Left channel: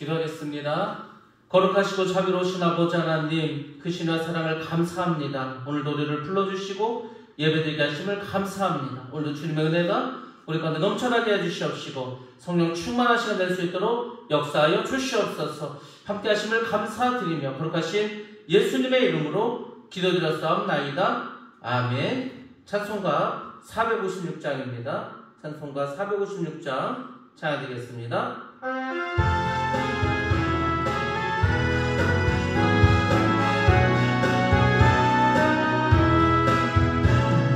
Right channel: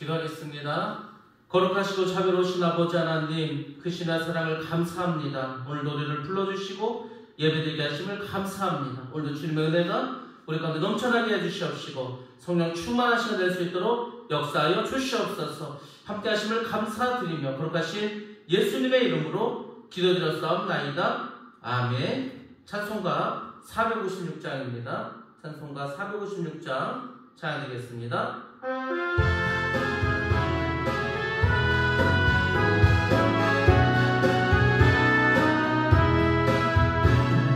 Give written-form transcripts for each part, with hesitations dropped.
기도하겠습니다. 거룩하시고 자비로우신 아버지 하나님, 크시나 사랑을 감사합니다. 오늘도 우리를 불러주시고 예배드리게 하심을 감사합니다. 오늘도 주님의 은혜가 우리 가운데 넘쳐나게 해주시옵시고 성령 충만한 시간 될 수 있도록 역사하여 주시옵소서. 함께 하심을 감사드리며 거룩하신 예수님의 이름으로 기도드렸사옵나이다. 아멘. 찬송가 456장입니다. 찬송가 456장 찬양드리겠습니다.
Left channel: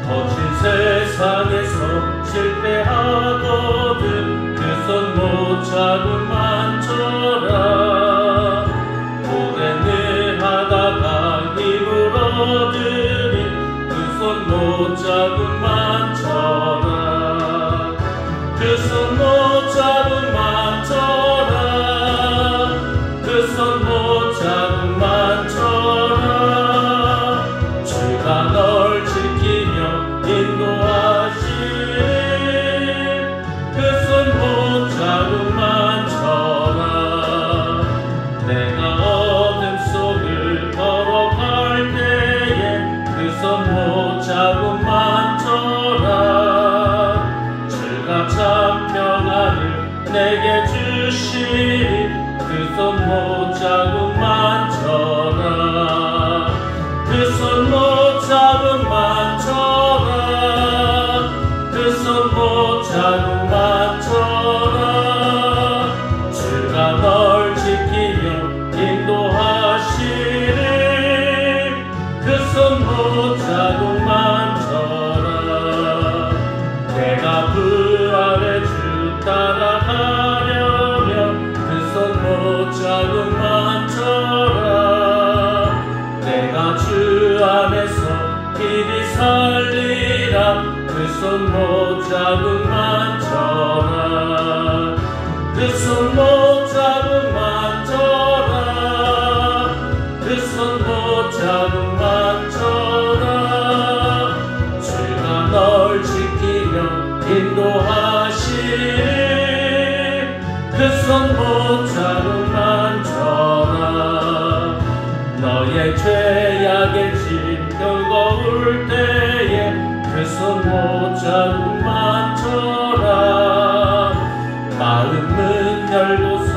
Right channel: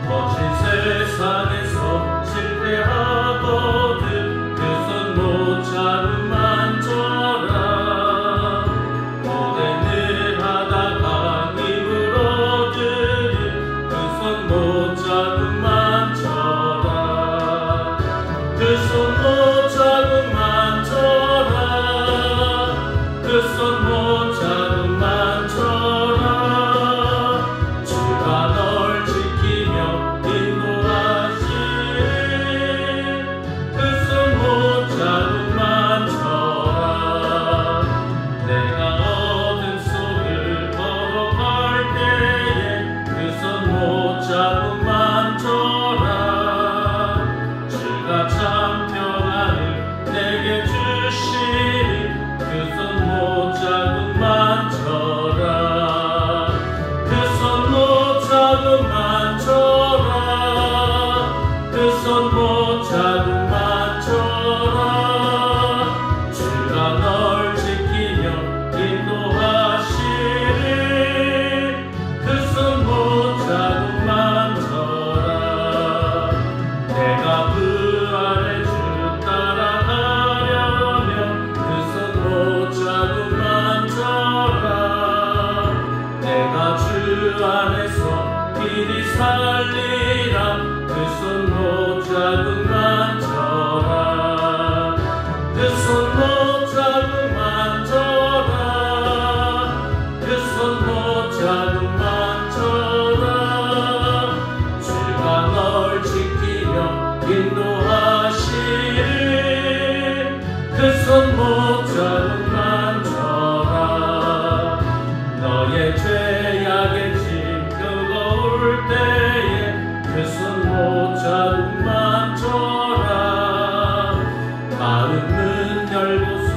거친 세상에서 실패하거든 그 손 못 잡음만 쳐라. 고된 일 하다가 힘을 얻으니 그 손 못 잡음만 쳐라. 그 손 못 잡음만 쳐라. 그 손 못 잡음만 쳐라. 주가 널 지키며 인도하시리. 그 손 못 잡음만 쳐라. 내가 어둠 속을 걸어갈 때에 그 손 못 잡음만 쳐라. 주가 참 평안을 내게 주시리. 그 손 못 잡음만 쳐라. 그 손 못 잡음만 쳐라. 그 손 못 잡음만 쳐라. 주가 널 지키며 인도하시리. 그 손 못 잡음만 쳐라. 내가 부활의 주 따라가려면 그 손 못 잡음만 쳐라. 내가 주 안에서 길이 살리라. 그 손 못 잡음만 쳐라. 그 손 못 잡음만 쳐라. 그 손 못 잡음만 쳐라. 주가 널 지키며 인도하시리. 그 손 못 잡음만 쳐라. 너의 죄악의 짐 끄거울 때에 그 손 못 잡음만 쳐라. 마음 문 열고서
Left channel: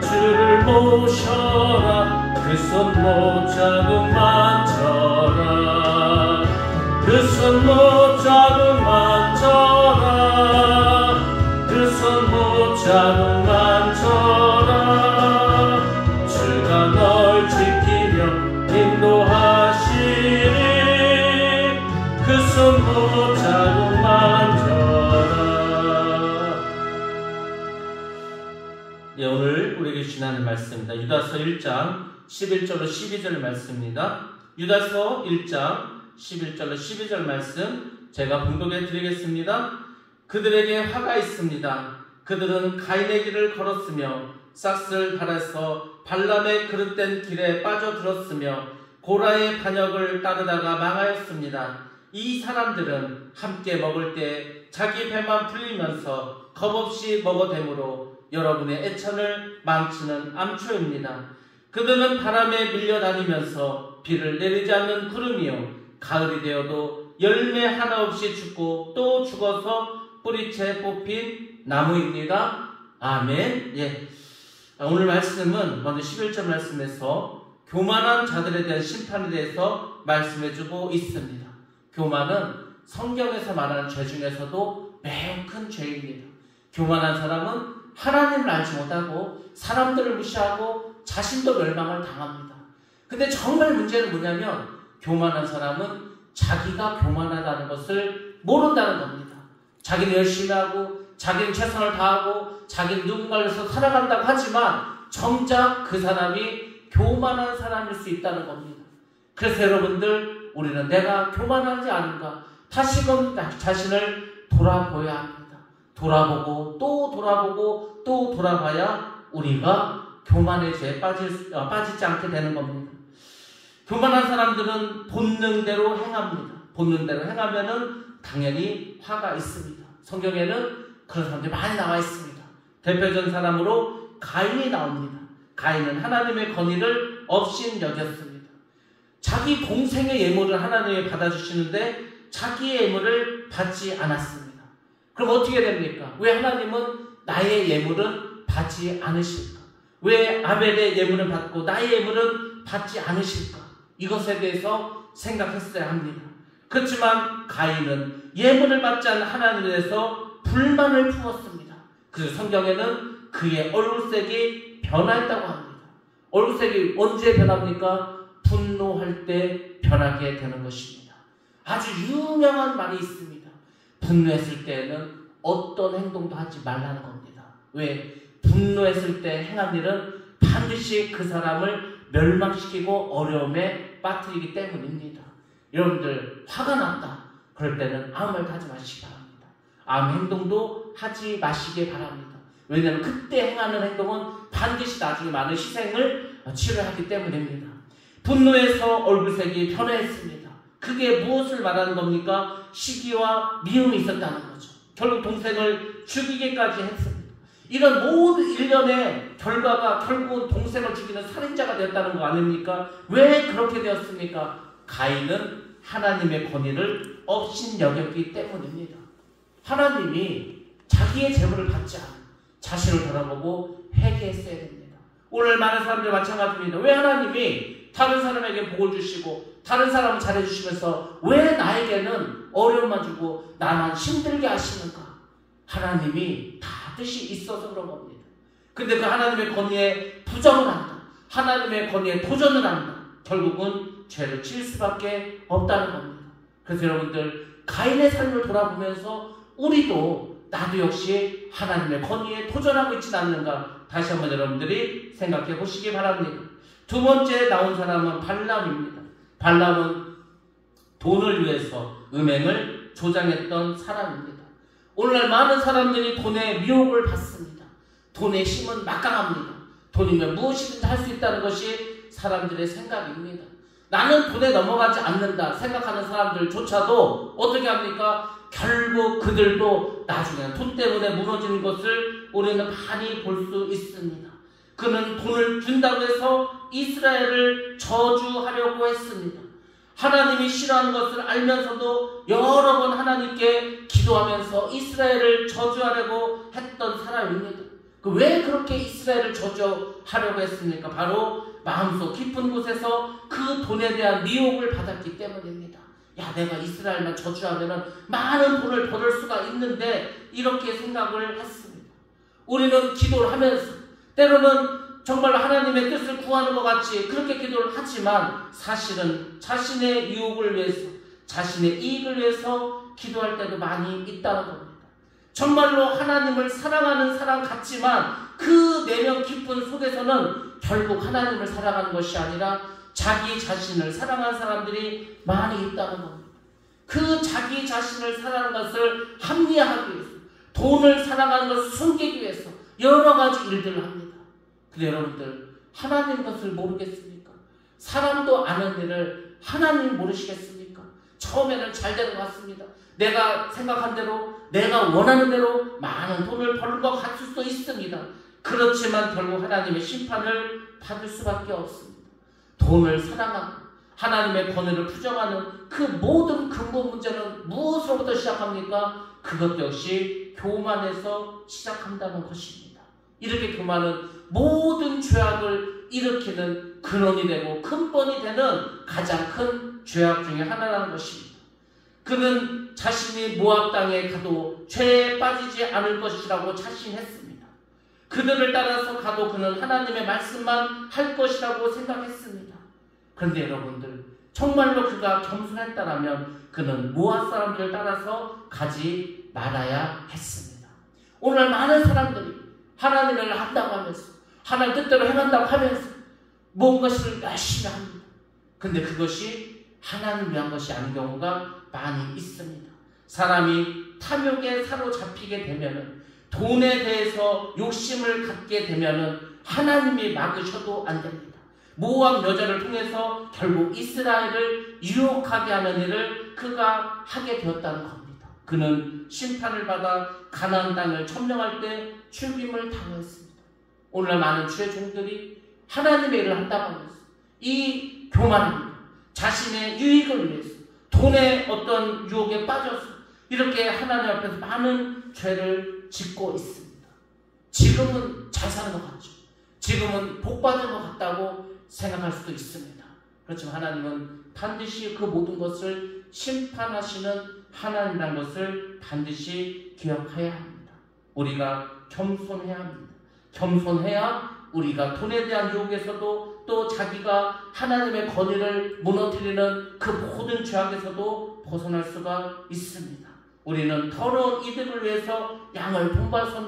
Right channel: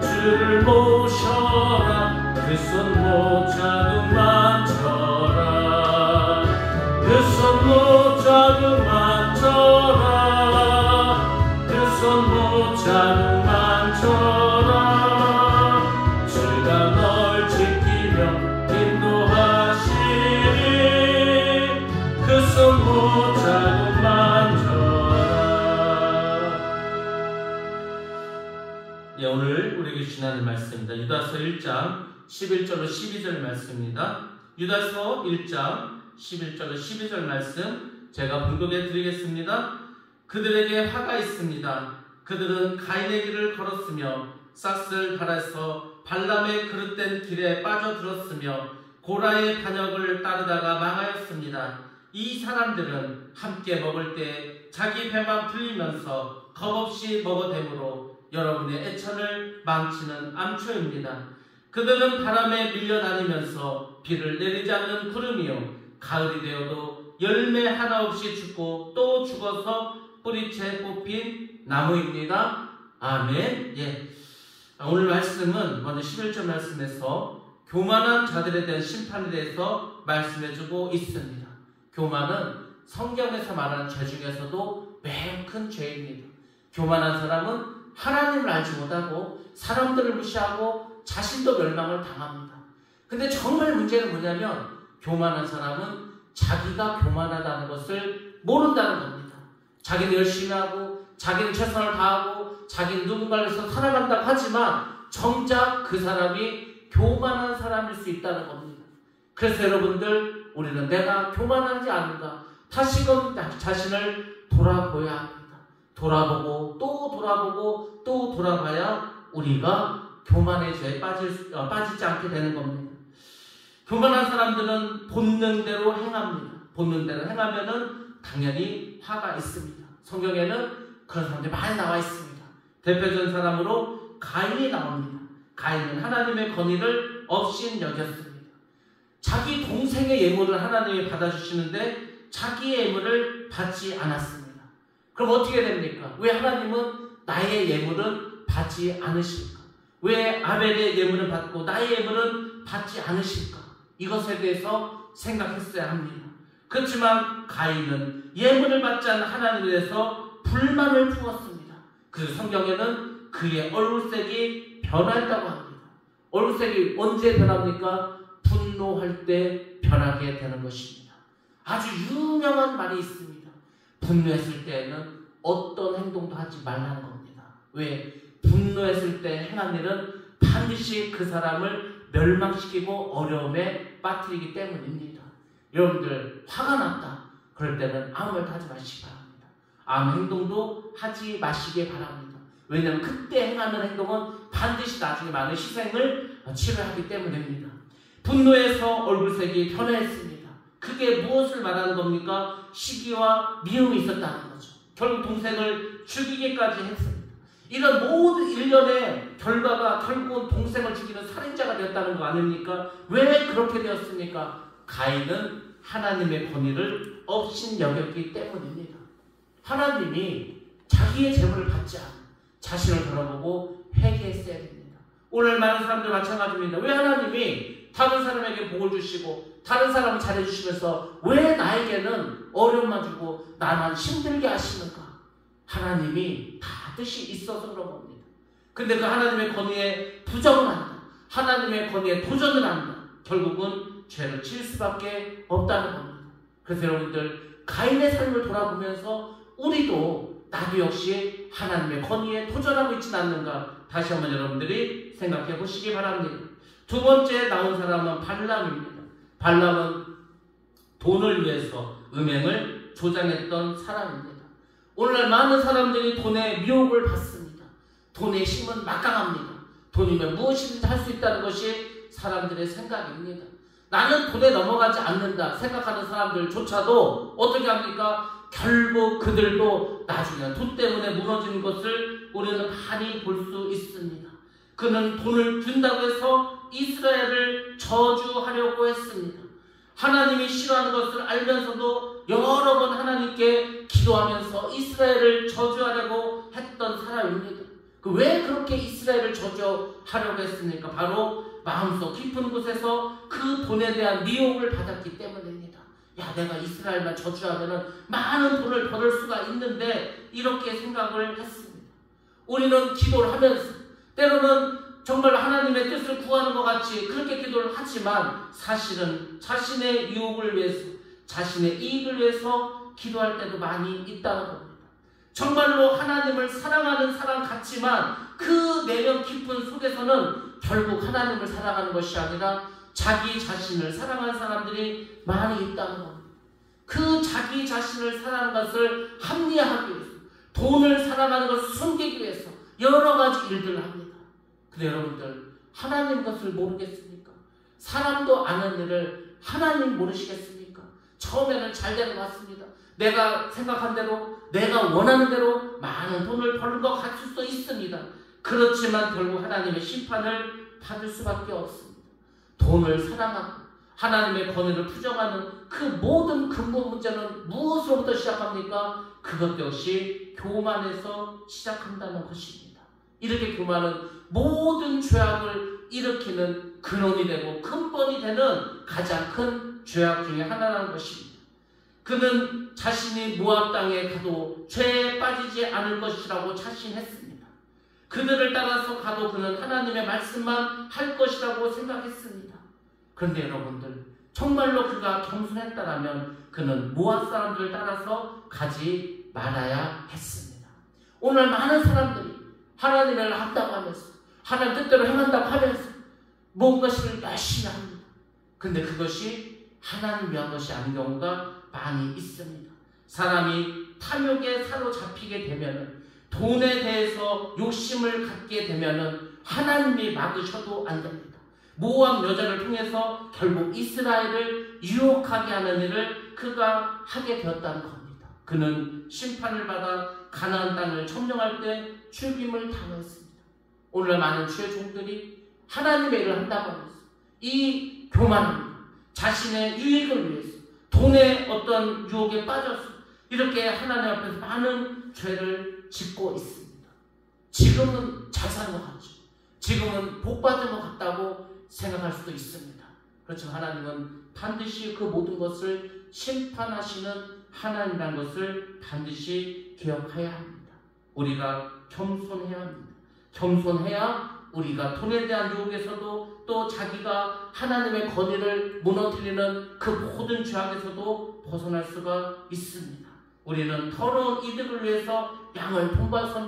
주를 모셔라. 그 손 못 잡음만 쳐라. 그 손 못 잡음만 쳐라. 그 손 못 잡음만 쳐라. 주가 널 지키며 인도하시리. 그 손 못 잡음만 쳐라. 예, 오늘 우리에게 주시는 말씀입니다. 유다서 1장 11절로 12절 말씀입니다. 유다서 1장 11절로 12절 말씀 제가 봉독해 드리겠습니다. 그들에게 화가 있습니다. 그들은 가인의 길을 걸었으며 싹스를 달아서 발람의 그릇된 길에 빠져들었으며 고라의 반역을 따르다가 망하였습니다. 이 사람들은 함께 먹을 때 자기 배만 불리면서 겁없이 먹어대므로 여러분의 애천을 망치는 암초입니다. 그들은 바람에 밀려다니면서 비를 내리지 않는 구름이요 가을이 되어도 열매 하나 없이 죽고 또 죽어서 뿌리채 뽑힌 나무입니다. 아멘. 예. 오늘 말씀은 먼저 11절 말씀에서 교만한 자들에 대한 심판에 대해서 말씀해주고 있습니다. 교만은 성경에서 말하는 죄 중에서도 매우 큰 죄입니다. 교만한 사람은 하나님을 알지 못하고 사람들을 무시하고 자신도 멸망을 당합니다. 근데 정말 문제는 뭐냐면 교만한 사람은 자기가 교만하다는 것을 모른다는 겁니다. 자기는 열심히 하고 자기는 최선을 다하고 자기는 누군가를 위해서 살아간다고 하지만 정작 그 사람이 교만한 사람일 수 있다는 겁니다. 그래서 여러분들 우리는 내가 교만하지 않은가 다시금 자신을 돌아보아야 합니다. 돌아보고 또 돌아보고 또 돌아봐야 우리가 교만의 죄에 빠지지 않게 되는 겁니다. 교만한 사람들은 본능대로 행합니다. 본능대로 행하면은 당연히 화가 있습니다. 성경에는 그런 사람들이 많이 나와 있습니다. 대표적인 사람으로 가인이 나옵니다. 가인은 하나님의 권위를 업신여겼습니다. 자기 동생의 예물을 하나님이 받아주시는데 자기의 예물을 받지 않았습니다. 그럼 어떻게 됩니까? 왜 하나님은 나의 예물은 받지 않으실까? 왜 아벨의 예물을 받고 나의 예물은 받지 않으실까? 이것에 대해서 생각했어야 합니다. 그렇지만 가인은 예물을 받지 않은 하나님에 대해서 불만을 품었습니다. 그 성경에는 그의 얼굴색이 변화했다고 합니다. 얼굴색이 언제 변합니까? 분노할 때 변하게 되는 것입니다. 아주 유명한 말이 있습니다. 분노했을 때는 어떤 행동도 하지 말라는 겁니다. 왜? 분노했을 때 행한 일은 반드시 그 사람을 멸망시키고 어려움에 빠뜨리기 때문입니다. 여러분들 화가 났다. 그럴 때는 아무 말도 하지 마시기 바랍니다. 아무 행동도 하지 마시기 바랍니다. 왜냐하면 그때 행하는 행동은 반드시 나중에 많은 희생을 치러야 하기 때문입니다. 분노해서 얼굴색이 변했습니다. 그게 무엇을 말하는 겁니까? 시기와 미움이 있었다는 거죠. 결국 동생을 죽이기까지 했습니다. 이런 모든 일련의 결과가 결국은 동생을 죽이는 살인자가 되었다는 거 아닙니까? 왜 그렇게 되었습니까? 가인은 하나님의 권위를 업신여겼기 때문입니다. 하나님이 자기의 재물을 받지 않아 자신을 돌아보고 회개했어야 됩니다. 오늘 많은 사람들 마찬가지입니다. 왜 하나님이 다른 사람에게 복을 주시고 다른 사람을 잘해주시면서 왜 나에게는 어려움만 주고 나만 힘들게 하시는가? 하나님이 다 뜻이 있어서 그런 겁니다. 근데 그 하나님의 권위에 부정을 한다. 하나님의 권위에 도전을 한다. 결국은 죄를 칠 수밖에 없다는 겁니다. 그래서 여러분들 가인의 삶을 돌아보면서 우리도 나도 역시 하나님의 권위에 도전하고 있지 않는가 다시 한번 여러분들이 생각해 보시기 바랍니다. 두 번째 나온 사람은 발람입니다. 발람은 돈을 위해서 음행을 조장했던 사람입니다. 오늘날 많은 사람들이 돈에 미혹을 받습니다. 돈의 힘은 막강합니다. 돈이면 무엇이든지 할 수 있다는 것이 사람들의 생각입니다. 나는 돈에 넘어가지 않는다 생각하는 사람들조차도 어떻게 합니까? 결국 그들도 나중에는 돈 때문에 무너지는 것을 우리는 많이 볼 수 있습니다. 그는 돈을 준다고 해서 이스라엘을 저주하려고 했습니다. 하나님이 싫어하는 것을 알면서도 여러 번 하나님께 기도하면서 이스라엘을 저주하려고 했던 사람입니다. 왜 그렇게 이스라엘을 저주하려고 했습니까? 바로 마음속 깊은 곳에서 그 돈에 대한 미혹을 받았기 때문입니다. 야, 내가 이스라엘만 저주하면 많은 돈을 벌을 수가 있는데 이렇게 생각을 했습니다. 우리는 기도를 하면서 때로는 정말 하나님의 뜻을 구하는 것 같이 그렇게 기도를 하지만 사실은 자신의 유혹을 위해서 자신의 이익을 위해서 기도할 때도 많이 있다는 겁니다. 정말로 하나님을 사랑하는 사람 같지만 그 내면 깊은 속에서는 결국 하나님을 사랑하는 것이 아니라 자기 자신을 사랑하는 사람들이 많이 있다는 겁니다. 그 자기 자신을 사랑하는 것을 합리화하기 위해서 돈을 사랑하는 것을 숨기기 위해서 여러 가지 일들을 합니다. 근데 여러분들 하나님 것을 모르겠습니까? 사람도 아는 일을 하나님 모르시겠습니까? 처음에는 잘 되는 것 같습니다. 내가 생각한 대로 내가 원하는 대로 많은 돈을 버는 것 같을 수도 있습니다. 그렇지만 결국 하나님의 심판을 받을 수밖에 없습니다. 돈을 사랑하고 하나님의 권위를 부정하는 그 모든 근본 문제는 무엇으로부터 시작합니까? 그것 역시 교만에서 시작한다는 것입니다. 이렇게 교만은 모든 죄악을 일으키는 근원이 되고 근본이 되는 가장 큰 죄악 중에 하나라는 것입니다. 그는 자신이 모압 땅에 가도 죄에 빠지지 않을 것이라고 자신했습니다. 그들을 따라서 가도 그는 하나님의 말씀만 할 것이라고 생각했습니다. 그런데 여러분들 정말로 그가 겸손했다라면 그는 모압 사람들을 따라서 가지 말아야 했습니다. 오늘 많은 사람들이 하나님의 일을 한다고 하면서 하나님 뜻대로 행한다고 하면서 뭔가를 열심히 합니다. 근데 그것이 하나님 위한 것이 아닌 경우가 많이 있습니다. 사람이 탐욕에 사로잡히게 되면 돈에 대해서 욕심을 갖게 되면 하나님이 막으셔도 안 됩니다. 모압 여자를 통해서 결국 이스라엘을 유혹하게 하는 일을 그가 하게 되었다는 겁니다. 그는 심판을 받아 가나안 땅을 점령할 때 죽임을 당했습니다. 오늘날 많은 주의 종들이 하나님의 일을 한다고 하면서 이 교만합니다. 자신의 유익을 위해서 돈의 어떤 유혹에 빠져서 이렇게 하나님 앞에서 많은 죄를 짓고 있습니다. 지금은 잘 사는 것 같죠. 지금은 복 받은 것 같다고 생각할 수도 있습니다. 그렇지만 하나님은 반드시 그 모든 것을 심판하시는 하나님이라는 것을 반드시 기억해야 합니다. 우리가 겸손해야 합니다. 겸손해야 우리가 돈에 대한 유혹에서도 또 자기가 하나님의 권위를 무너뜨리는 그 모든 죄악에서도 벗어날 수가 있습니다. 우리는 더러운 이득을 위해서 양을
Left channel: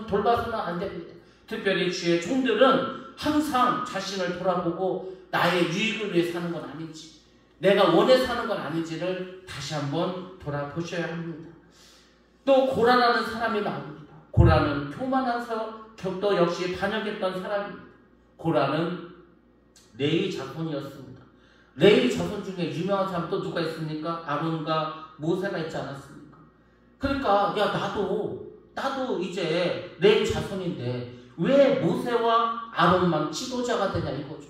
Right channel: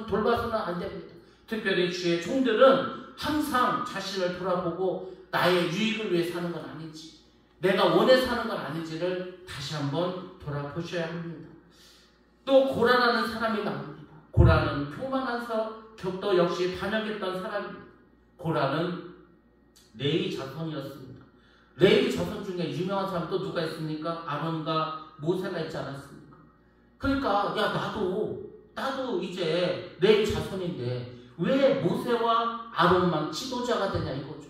돌봐서는 안 됩니다. 특별히 주의 종들은 항상 자신을 돌아보고 나의 유익을 위해 사는 건 아닌지, 내가 원해 사는 건 아닌지를 다시 한번 돌아보셔야 합니다. 또 고라라는 사람이 나옵니다. 고라는 교만한 격도 역시 반역했던 사람입니다. 고라는 레위 자손이었습니다. 레위 자손 중에 유명한 사람 또 누가 있습니까? 아론과 모세가 있지 않았습니까? 그러니까 야 나도 이제 레위 자손인데 왜 모세와 아론만 지도자가 되냐 이거죠.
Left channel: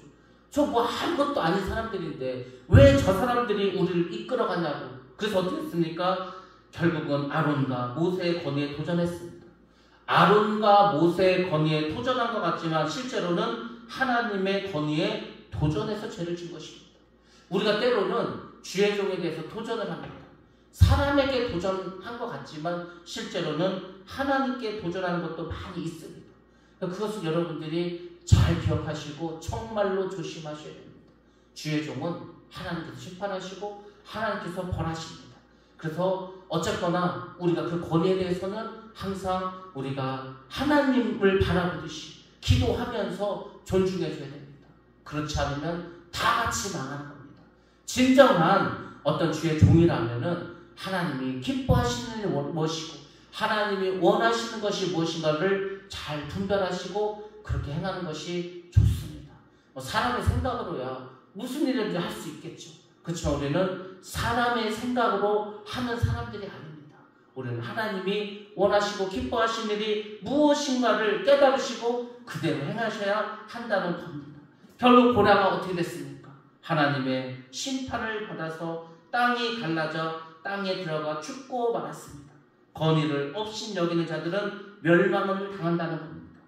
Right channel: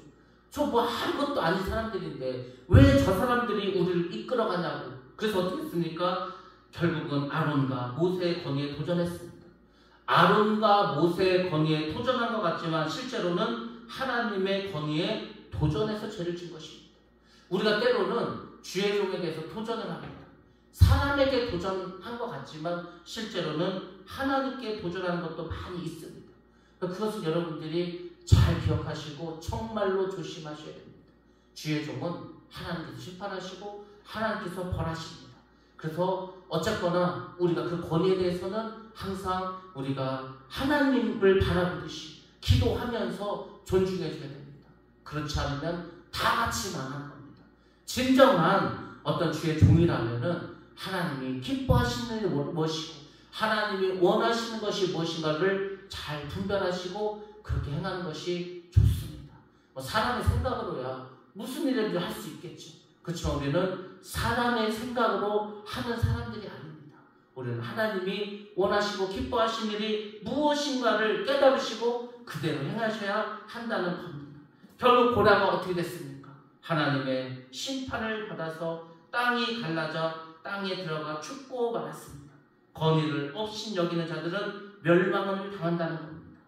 저 뭐 아무것도 아닌 사람들인데 왜 저 사람들이 우리를 이끌어가냐고. 그래서 어떻게 했습니까? 결국은 아론과 모세의 권위에 도전했습니다. 아론과 모세의 권위에 도전한 것 같지만 실제로는 하나님의 권위에 도전해서 죄를 진 것입니다. 우리가 때로는 주의 종에 대해서 도전을 합니다. 사람에게 도전한 것 같지만 실제로는 하나님께 도전하는 것도 많이 있습니다. 그것을 여러분들이 잘 기억하시고 정말로 조심하셔야 됩니다. 주의 종은 하나님께서 심판하시고 하나님께서 벌하십니다. 그래서 어쨌거나 우리가 그 권위에 대해서는 항상 우리가 하나님을 바라보듯이 기도하면서 존중해줘야 됩니다. 그렇지 않으면 다 같이 망하는 겁니다. 진정한 어떤 주의 종이라면은 하나님이 기뻐하시는 일이 무엇이고 하나님이 원하시는 것이 무엇인가를 잘 분별하시고 그렇게 행하는 것이 좋습니다. 사람의 생각으로야 무슨 일이든지 할 수 있겠죠. 그렇지만 우리는 사람의 생각으로 하는 사람들이 아닙니다. 우리는 하나님이 원하시고 기뻐하시는 일이 무엇인가를 깨달으시고 그대로 행하셔야 한다는 겁니다. 결국 고라가 어떻게 됐습니까? 하나님의 심판을 받아서 땅이 갈라져 땅에 들어가 죽고 말았습니다. 권위를 없인 여기는 자들은 멸망을 당한다는 겁니다.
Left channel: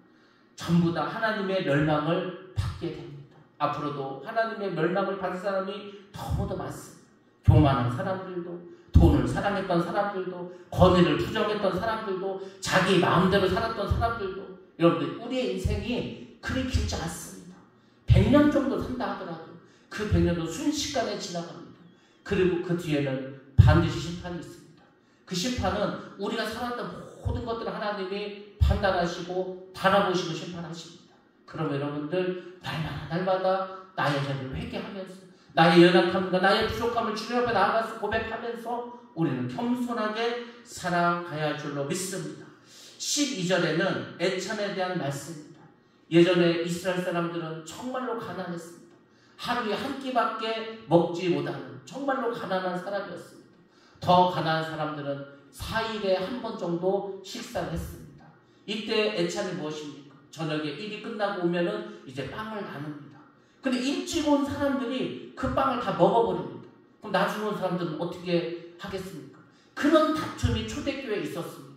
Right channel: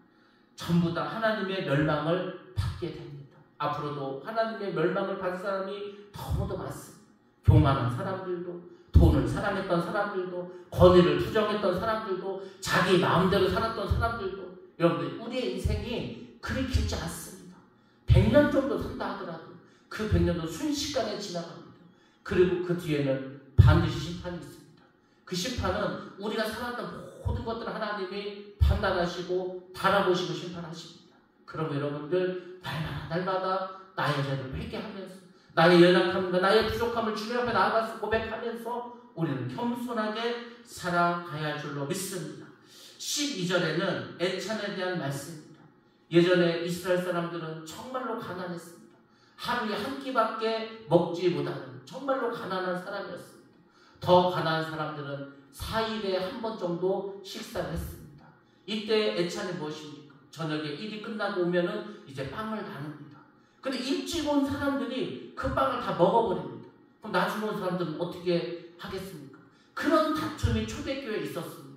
전부 다 하나님의 멸망을 받게 됩니다. 앞으로도 하나님의 멸망을 받을 사람이 너무도 많습니다. 교만한 사람들도, 돈을 사랑했던 사람들도, 권위를 부정했던 사람들도, 자기 마음대로 살았던 사람들도. 여러분들 우리의 인생이 그리 길지 않습니다. 100년 정도 산다 하더라도 그 100년도 순식간에 지나갑니다. 그리고 그 뒤에는 반드시 심판이 있습니다. 그 심판은 우리가 살았던 모든 것들을 하나님이 판단하시고 바라보시고 심판하십니다. 그럼 여러분들 날마다 나의 죄를 회개하면서 나의 연약함과 나의 부족함을 주님 앞에 나아가서 고백하면서 우리는 겸손하게 살아가야 할 줄로 믿습니다. 12절에는 애찬에 대한 말씀입니다. 예전에 이스라엘 사람들은 정말로 가난했습니다. 하루에 한 끼밖에 먹지 못하는 정말로 가난한 사람이었습니다. 더 가난한 사람들은 4일에 한 번 정도 식사를 했습니다. 이때 애찬이 무엇입니까? 저녁에 일이 끝나고 오면은 이제 빵을 나눕니다. 근데 일찍 온 사람들이 그 빵을 다 먹어버립니다. 그럼 나중에 온 사람들은 어떻게 하겠습니까? 그런 다툼이 초대교회에 있었습니다.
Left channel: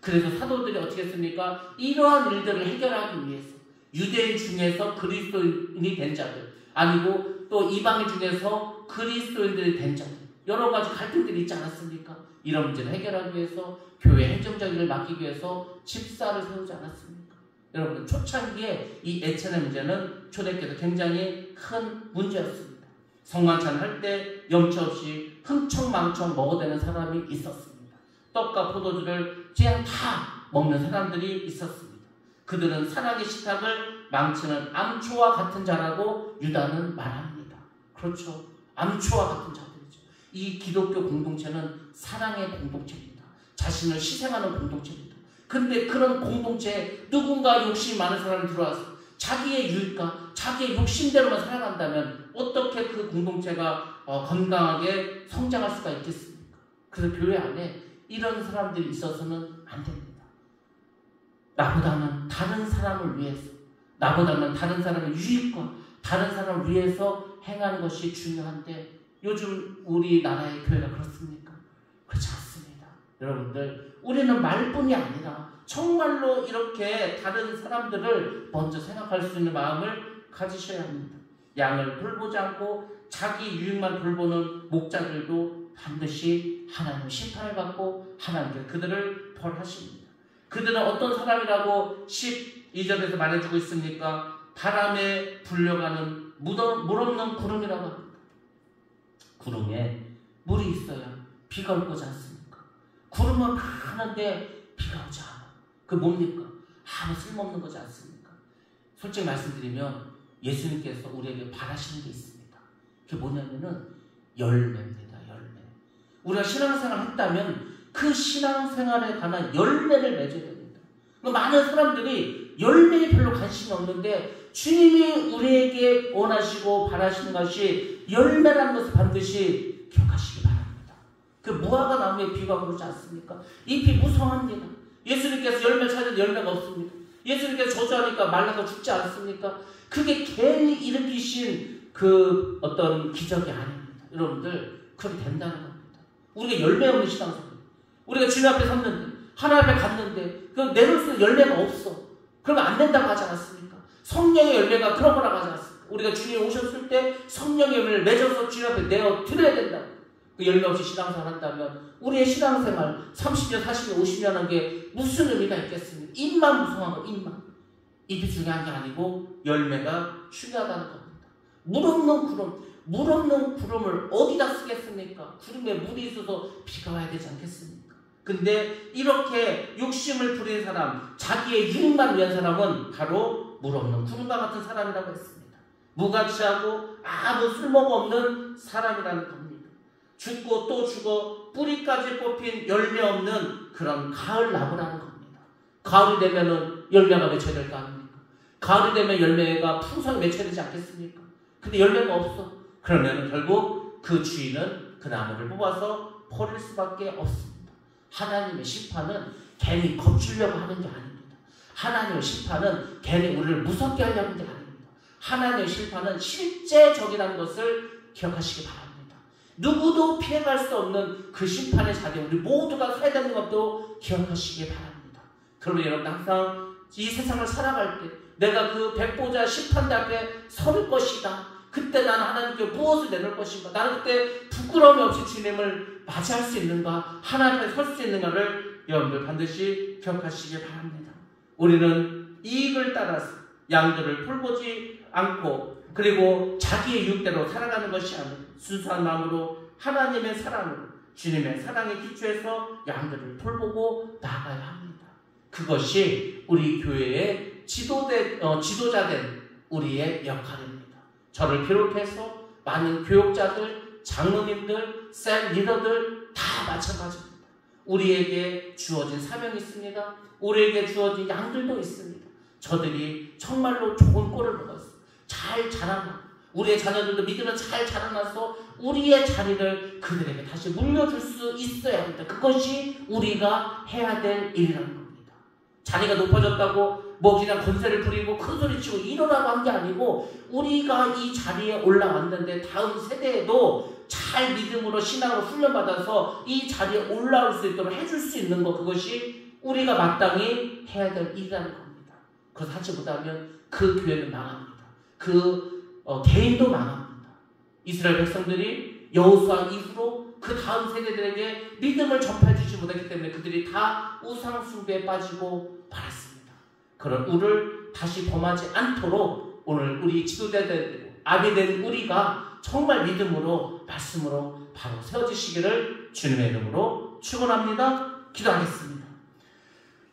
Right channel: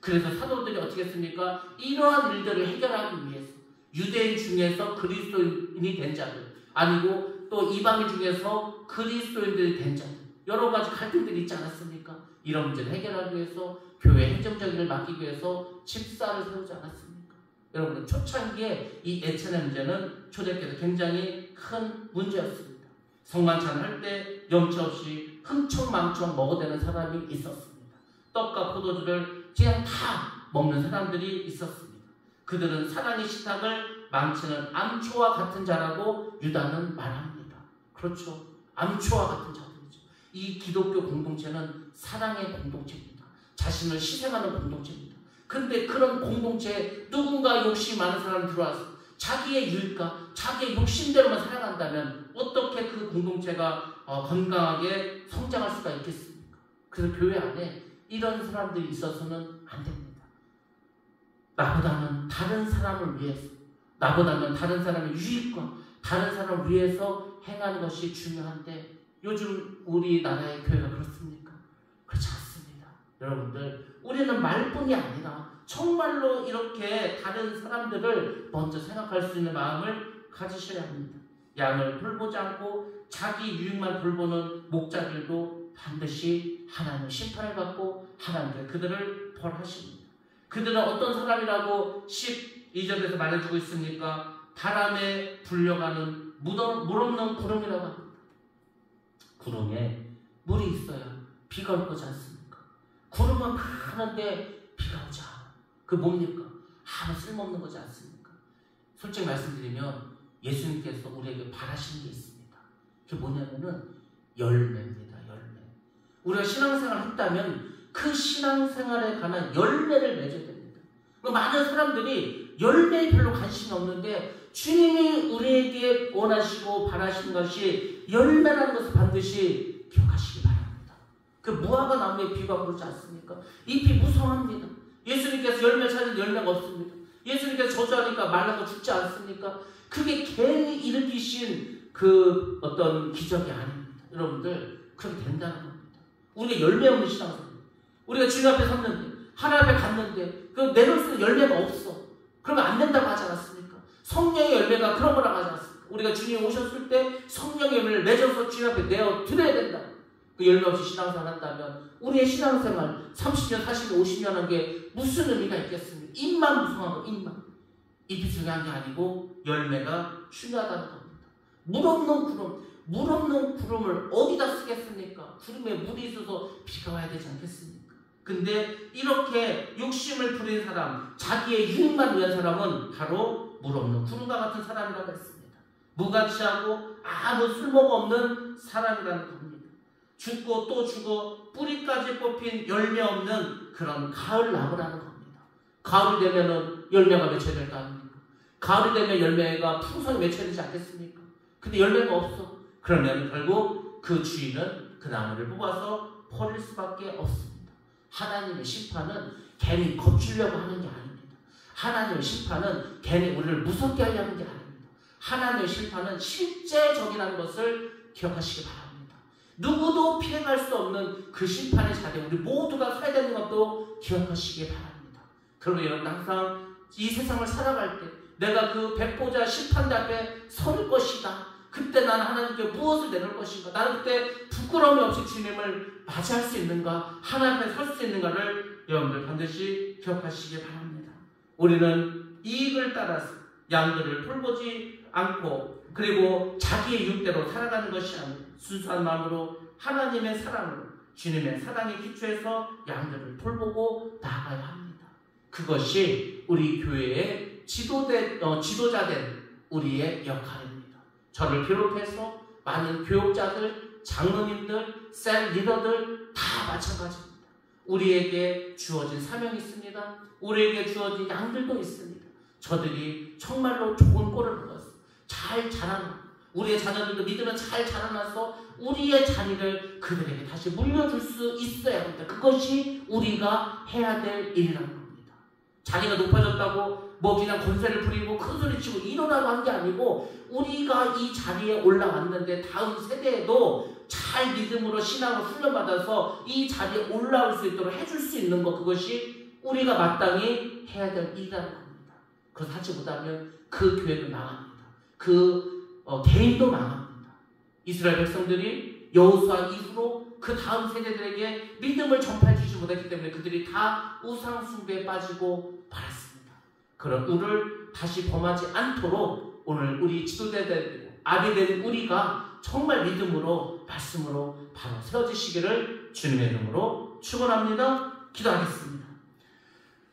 그래서 사도들이 어떻게 했습니까? 이러한 일들을 해결하기 위해서 유대인 중에서 그리스도인이 된 자들, 아니고 또 이방인 중에서 그리스도인들이 된 자들, 여러 가지 갈등들이 있지 않았습니까? 이런 문제를 해결하기 위해서 교회 행정적 일을 맡기기 위해서 집사를 세우지 않았습니까? 여러분, 초창기에 이 애찬의 문제는 초대교회에서 굉장히 큰 문제였습니다. 성만찬 할 때 염치 없이 흥청망청 먹어대는 사람이 있었습니다. 떡과 포도주를 그냥 다 먹는 사람들이 있었습니다. 그들은 사랑의 식탁을 망치는 암초와 같은 자라고 유다는 말합니다. 그렇죠. 암초와 같은 자들이죠. 이 기독교 공동체는 사랑의 공동체입니다. 자신을 희생하는 공동체입니다. 근데 그런 공동체에 누군가 욕심이 많은 사람이 들어와서 자기의 유익과 자기의 욕심대로만 살아간다면 어떻게 그 공동체가 건강하게 성장할 수가 있겠습니까? 그래서 교회 안에 이런 사람들이 있어서는 안 됩니다. 나보다는 다른 사람을 위해서, 나보다는 다른 사람의 유익과 다른 사람을 위해서 행하는 것이 중요한데 요즘 우리나라의 교회가 그렇습니까? 그렇지 않습니다. 여러분들, 우리는 말뿐이 아니라 정말로 이렇게 다른 사람들을 먼저 생각할 수 있는 마음을 가지셔야 합니다. 양을 돌보지 않고 자기 유익만 돌보는 목자들도 반드시 하나님의 심판을 받고 하나님께서 그들을 벌하십니다. 그들은 어떤 사람이라고 12절에서 말해주고 있습니까? 바람에 불려가는 물 없는 구름이라고 합니다. 구름에 물이 있어야 비가 올 거지 않습니까? 구름은 많은데 비가 오지 않아. 그 뭡니까? 아무 쓸모없는 거지 않습니까? 솔직히 말씀드리면 예수님께서 우리에게 바라시는 게 있습니다. 그게 뭐냐면은 열매입니다. 열매. 우리가 신앙생활을 했다면 그 신앙생활에 관한 열매를 맺어야 됩니다. 많은 사람들이 열매에 별로 관심이 없는데 주님이 우리에게 원하시고 바라시는 것이 열매라는 것을 반드시 기억하시기 바랍니다. 그 무화과 나무에 비가 오지 않습니까? 잎이 무성합니다. 예수님께서 열매 찾은 열매가 없습니다. 예수님께서 저주하니까 말라서 죽지 않습니까? 그게 괜히 일으키신 그 어떤 기적이 아닙니다. 여러분들, 그렇게 된다는 겁니다. 우리가 열매 없는 신앙생활, 우리가 주님 앞에 섰는데 하나님 앞에 갔는데 그 내놓을 수 있는 열매가 없어. 그러면 안 된다고 하지 않았습니까? 성령의 열매가 그런 거라고 하지 않았습니까? 우리가 주님이 오셨을 때 성령의 열매를 맺어서 주님 앞에 내어 드려야 된다. 그 열매 없이 신앙생활 한다면 우리의 신앙생활 30년, 40년, 50년 한 게 무슨 의미가 있겠습니까? 입만 무성한 거, 입만. 잎이 중요한 게 아니고 열매가 중요하다는 겁니다. 물 없는 구름을 어디다 쓰겠습니까? 구름에 물이 있어서 비가 와야 되지 않겠습니까? 근데 이렇게 욕심을 부린 사람, 자기의 유익만 위한 사람은 바로 물 없는 구름과 같은 사람이라고 했습니다. 무가치하고 아무 쓸모가 없는 사람이라는 겁니다. 죽고 또 죽어 뿌리까지 뽑힌 열매 없는 그런 가을 나무라는 겁니다. 가을이 되면은 열매가 맺혀야 될 거 아닙니까? 가을이 되면 열매가 풍성히 맺혀야 되지 않겠습니까? 근데 열매가 없어. 그러면 결국 그 주인은 그 나무를 뽑아서 버릴 수밖에 없습니다. 하나님의 심판은 괜히 겁주려고 하는 게 아닙니다. 하나님의 심판은 괜히 우리를 무섭게 하려는 게 아닙니다. 하나님의 심판은 실제적이라는 것을 기억하시기 바랍니다. 누구도 피해갈 수 없는 그 심판의 자리에 우리 모두가 서야 되는 것도 기억하시기 바랍니다. 그러면 여러분, 항상 이 세상을 살아갈 때 내가 그 백보자 심판대 앞에 설 것이다. 그때 나는 하나님께 무엇을 내놓을 것인가? 나는 그때 부끄러움이 없이 주님을 맞이할 수 있는가? 하나님 앞에 설 수 있는가를 여러분들 반드시 기억하시기 바랍니다. 우리는 이익을 따라서 양들을 돌보지 않고 그리고 자기의 유익대로 살아가는 것이 아니라 순수한 마음으로 하나님의 사랑으로 주님의 사랑에 기초해서 양들을 돌보고 나아가야 합니다. 그것이 우리 교회의 지도자된 우리의 역할입니다. 저를 비롯해서 많은 교육자들, 장로님들, 셀 리더들 다 마찬가지입니다. 우리에게 주어진 사명이 있습니다. 우리에게 주어진 양들도 있습니다. 저들이 정말로 좋은 꼴을 먹어서 잘 자라나, 우리의 자녀들도 믿으면 잘 자라나서 우리의 자리를 그들에게 다시 물려줄 수 있어야 합니다. 그것이 우리가 해야 될 일이라는 겁니다. 자리가 높아졌다고 뭐 그냥 권세를 부리고 큰소리치고 이러라고 한 게 아니고 우리가 이 자리에 올라왔는데 다음 세대에도 잘 믿음으로 신앙으로 훈련받아서 이 자리에 올라올 수 있도록 해줄 수 있는 것, 그것이 우리가 마땅히 해야 될 일이라는 겁니다. 그것을 하지 못하면 그 교회는 망합니다. 개인도 망합니다. 이스라엘 백성들이 여호수아 이후로 그 다음 세대들에게 믿음을 전파해 주지 못했기 때문에 그들이 다 우상 숭배에 빠지고 말았습니다. 그런 우를 다시 범하지 않도록 오늘 우리 지도자되고 아비된 우리가 정말 믿음으로 말씀으로 바로 세워지시기를 주님의 이름으로 축원합니다. 기도하겠습니다.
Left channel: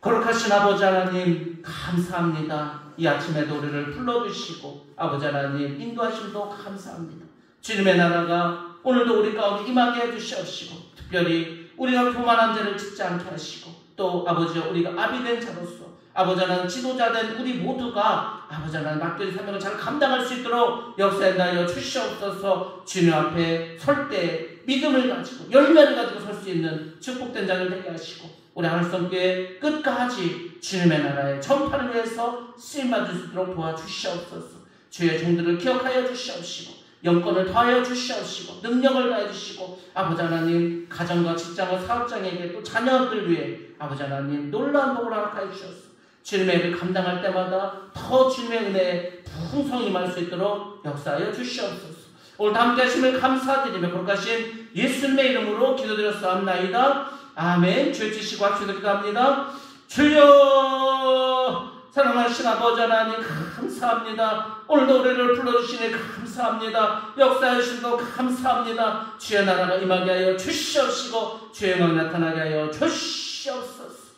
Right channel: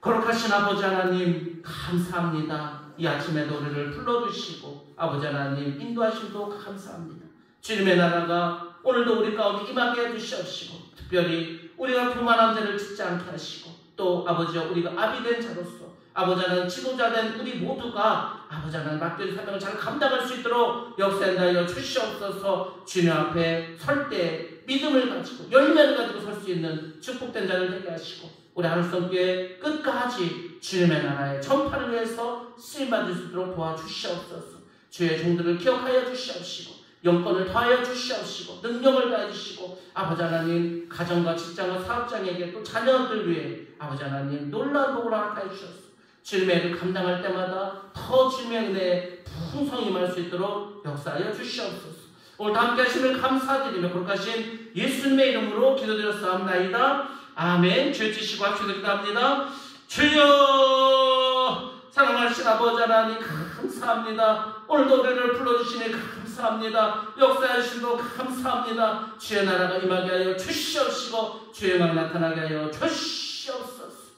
거룩하신 아버지 하나님, 감사합니다. 이 아침에도 우리를 불러주시고 아버지 하나님 인도하심도 감사합니다. 주님의 나라가 오늘도 우리 가운데 임하게 해주시옵시고 특별히 우리가 교만한 죄를 짓지 않게 하시고 또 아버지여 우리가 아비된 자로서 아버지 하나님 지도자된 우리 모두가 아버지 하나님 맡긴 사명을 잘 감당할 수 있도록 역사하여 주시옵소서. 주님 앞에 설 때 믿음을 가지고 열매를 가지고 설 수 있는 축복된 자를 되게 하시고 우리 하늘성교회 끝까지 주님의 나라의 전파를 위해서 쓰임받을 수 있도록 도와주시옵소서. 주의 종들을 기억하여 주시옵시고 영권을 더하여 주시옵시고 능력을 더해 주시고 아버지 하나님 가정과 직장과 사업장에게 또 자녀들 위해 아버지 하나님 놀라운 복을 허락하여 주셨소. 주님의 일을 감당할 때마다 더 주님의 은혜에 풍성히 임할 수 있도록 역사하여 주시옵소서. 오늘 함께 하심을 감사드리며 거룩하신 예수님의 이름으로 기도드렸사옵나이다. 아멘. 주여 주시고 합시다. 기도합니다. 주여 사랑하신 아버지 하나님 감사합니다. 오늘도 우리를 불러주시니 감사합니다. 역사하시고 감사합니다. 주의 나라가 임하게 하여 주시옵시고 주의 영광 나타나게 하여 주시옵소서.